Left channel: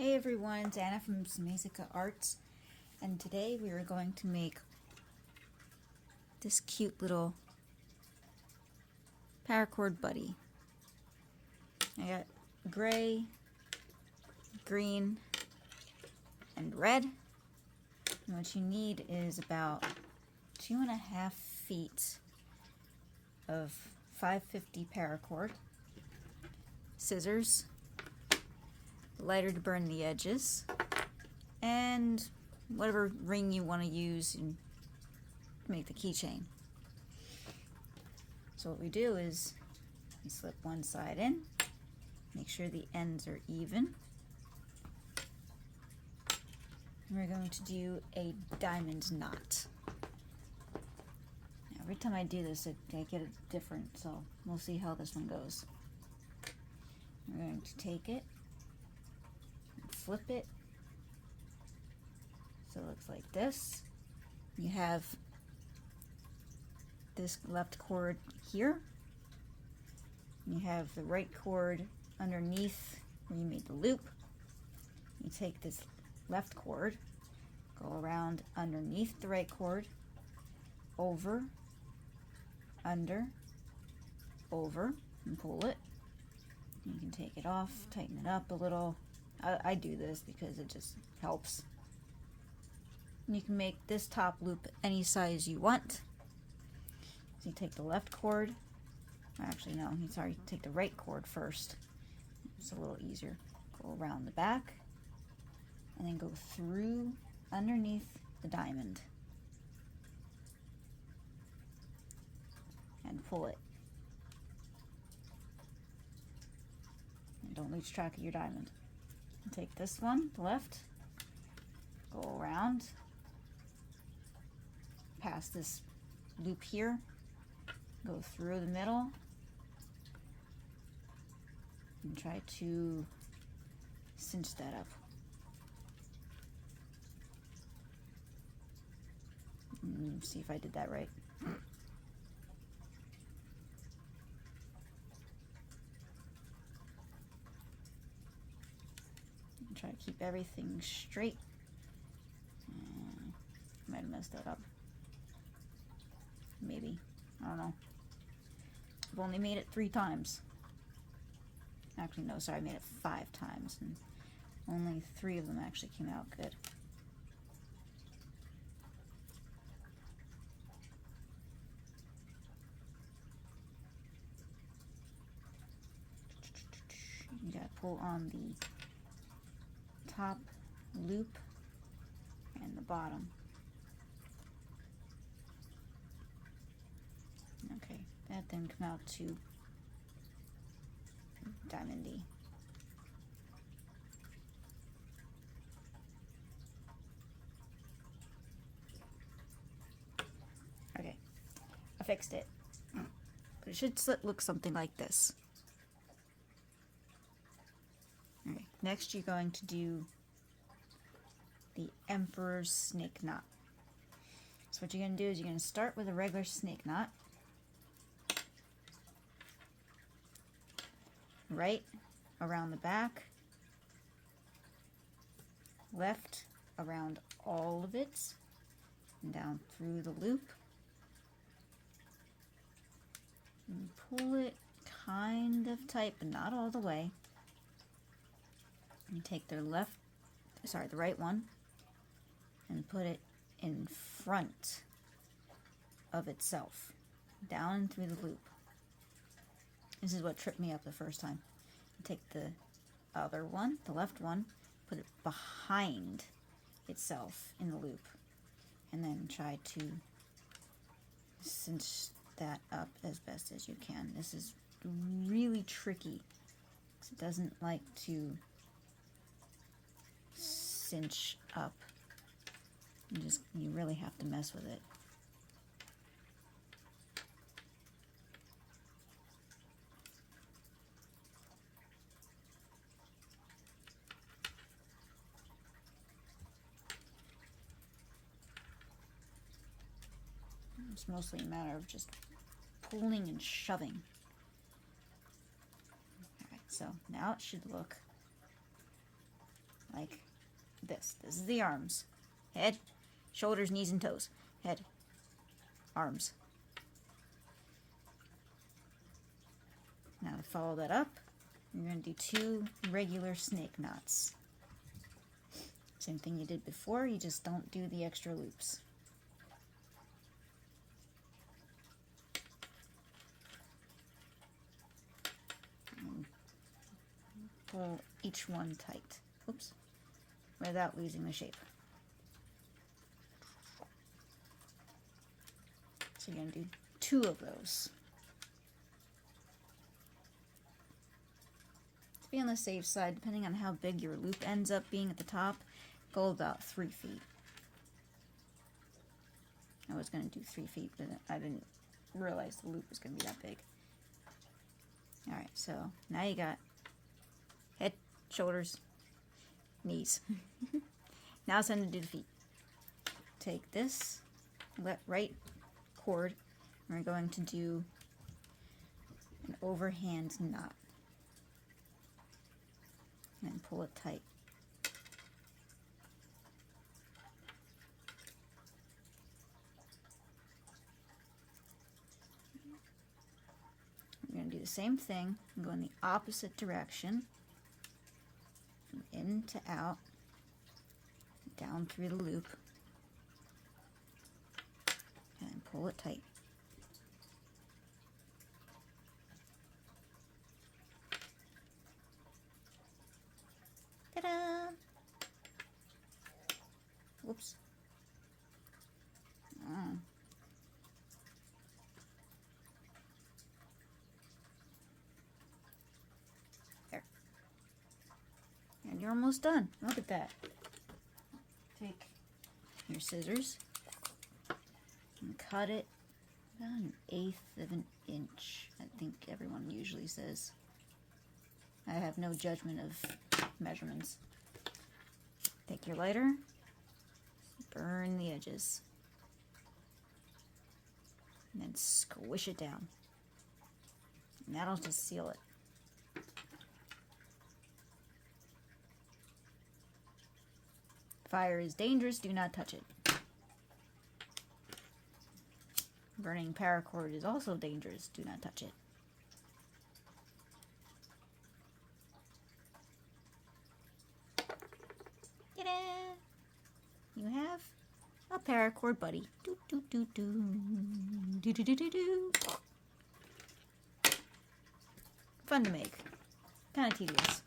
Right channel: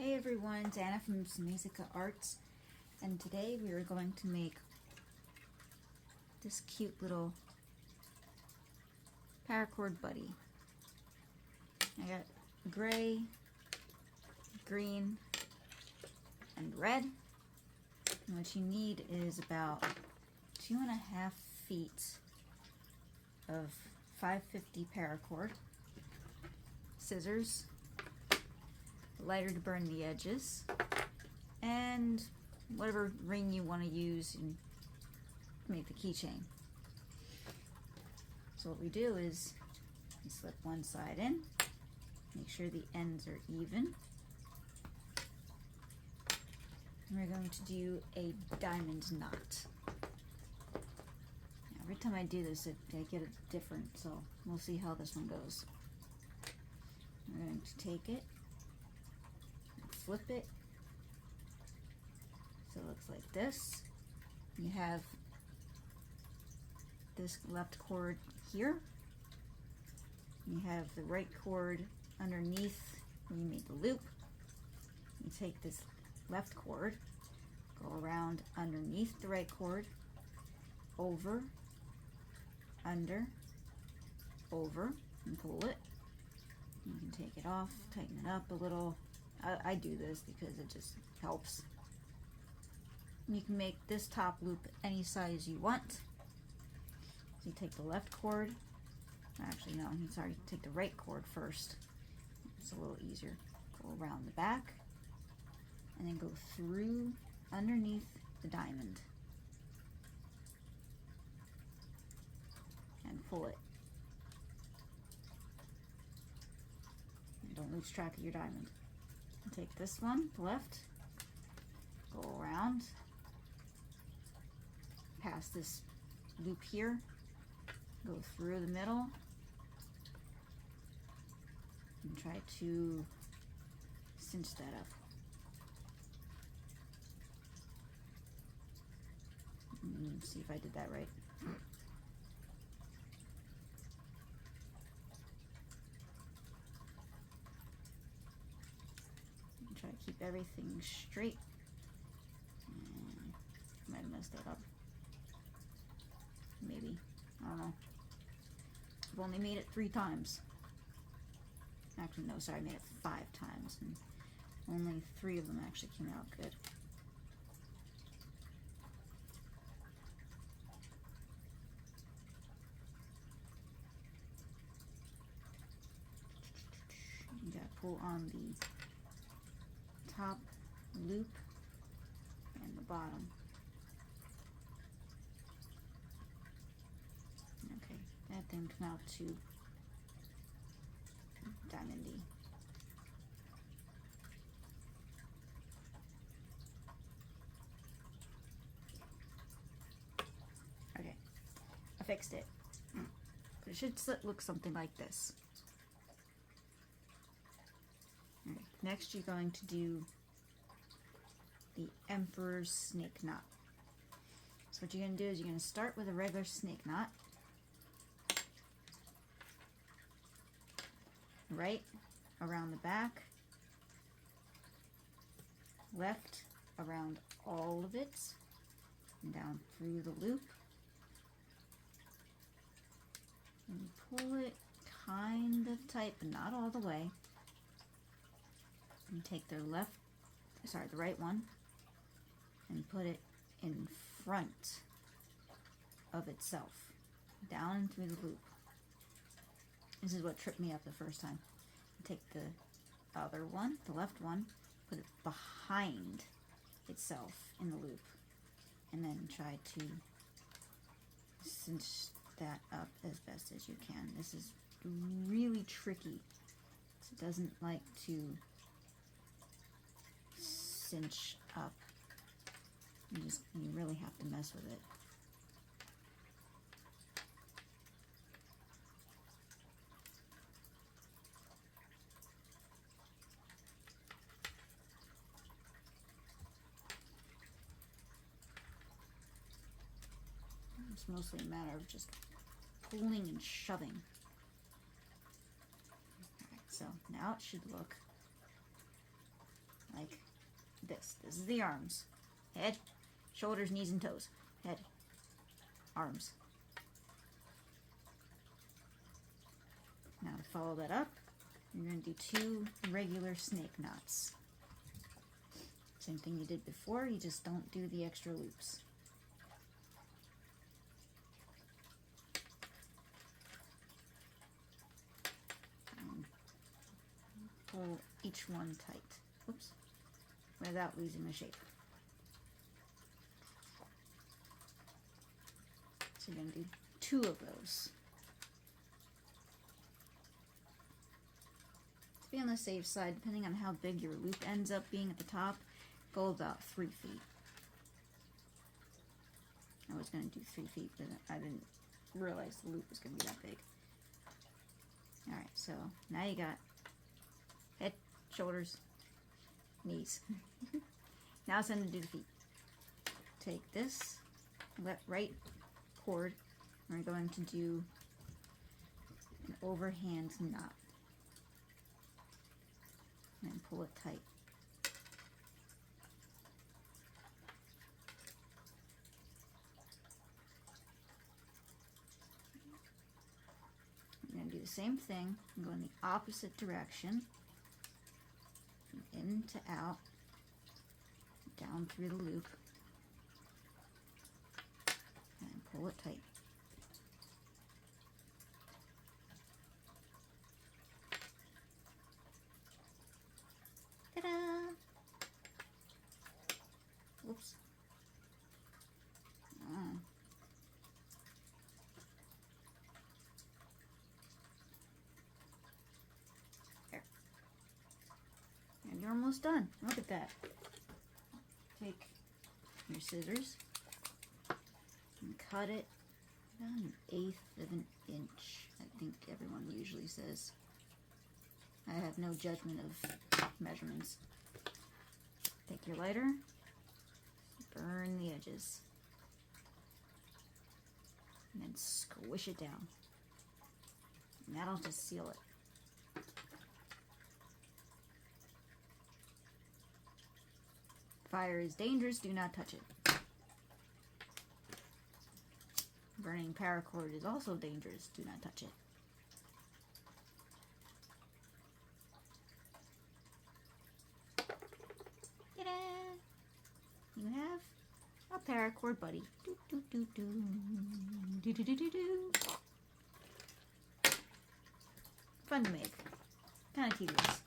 Hey everyone, it's Anna from Musica Arts, and today we are going to make this cute little paracord buddy. I got gray, green, and red. And what you need is about 2.5 feet of 550 paracord, scissors, lighter to burn the edges, and whatever ring you want to use and make the keychain. So what we do is we slip one side in, make sure the ends are even, and we're going to do a diamond knot. Now, every time I do this, I get it different, so we'll see how this one goes. We're going to take it, flip it, so it looks like this. You have this left cord here. You have the right cord underneath where you made the loop. You take this left cord, go around underneath the right cord, over, under, over, and pull it. You can take it off, tighten it up a little. I do this because it just helps. You can make this top loop any size you want. So you take the left cord, actually no, sorry, take the right cord first. It's a little easier. Go around the back and then go through underneath the diamond and pull it. And don't lose track of your diamond. Take this one, the left, go around, past this loop here, go through the middle, and try to cinch that up. See if I did that right. Try to keep everything straight. Might have messed that up. Maybe. I don't know. I've only made it 3 times. Actually, no, sorry, I made it 5 times. And only 3 of them actually came out good. You gotta pull on the top loop and the bottom. Okay, that then come out to diamondy. Okay, I fixed it. But it should look something like this. Alright, next you're going to do the Emperor's snake knot. So what you're going to do is you're going to start with a regular snake knot. Right around the back, left around all of it, and down through the loop. And pull it kind of tight, but not all the way. And take the right one, and put it in front of itself, down through the loop. This is what tripped me up the first time. Take the other one, the left one, put it behind itself in the loop, and then try to cinch that up as best as you can. This is really tricky because it doesn't like to cinch up. You really have to mess with it. It's mostly a matter of just pulling and shoving. Alright, so now it should look this. This is the arms. Head, shoulders, knees, and toes. Head, arms. Now to follow that up, you're going to do 2 regular snake knots. Same thing you did before, you just don't do the extra loops. And pull each one tight. Oops. Without losing the shape. So you're going to do 2 of those. To be on the safe side, depending on how big your loop ends up being at the top, go about 3 feet. I was going to do 3 feet, but I didn't realize the loop was going to be that big. Alright, so now you got head, shoulders, knees. Now it's time to do the feet. Take this right cord, and we're going to do an overhand knot. And pull it tight. We're going to do the same thing and go in the opposite direction, from in to out, down through the loop, and pull it tight. Ta-da! Whoops. There. And you're almost done. Look at that. Take your scissors and cut it about 1/8 of an inch. I think everyone usually says. I have no judgment of measurements. Take your lighter, burn the edges, and then squish it down. And that'll just seal it. Fire is dangerous, do not touch it. Burning paracord is also dangerous, do not touch it. You have a paracord buddy. Do do do do do do do do do. Fun to make, kind of tedious.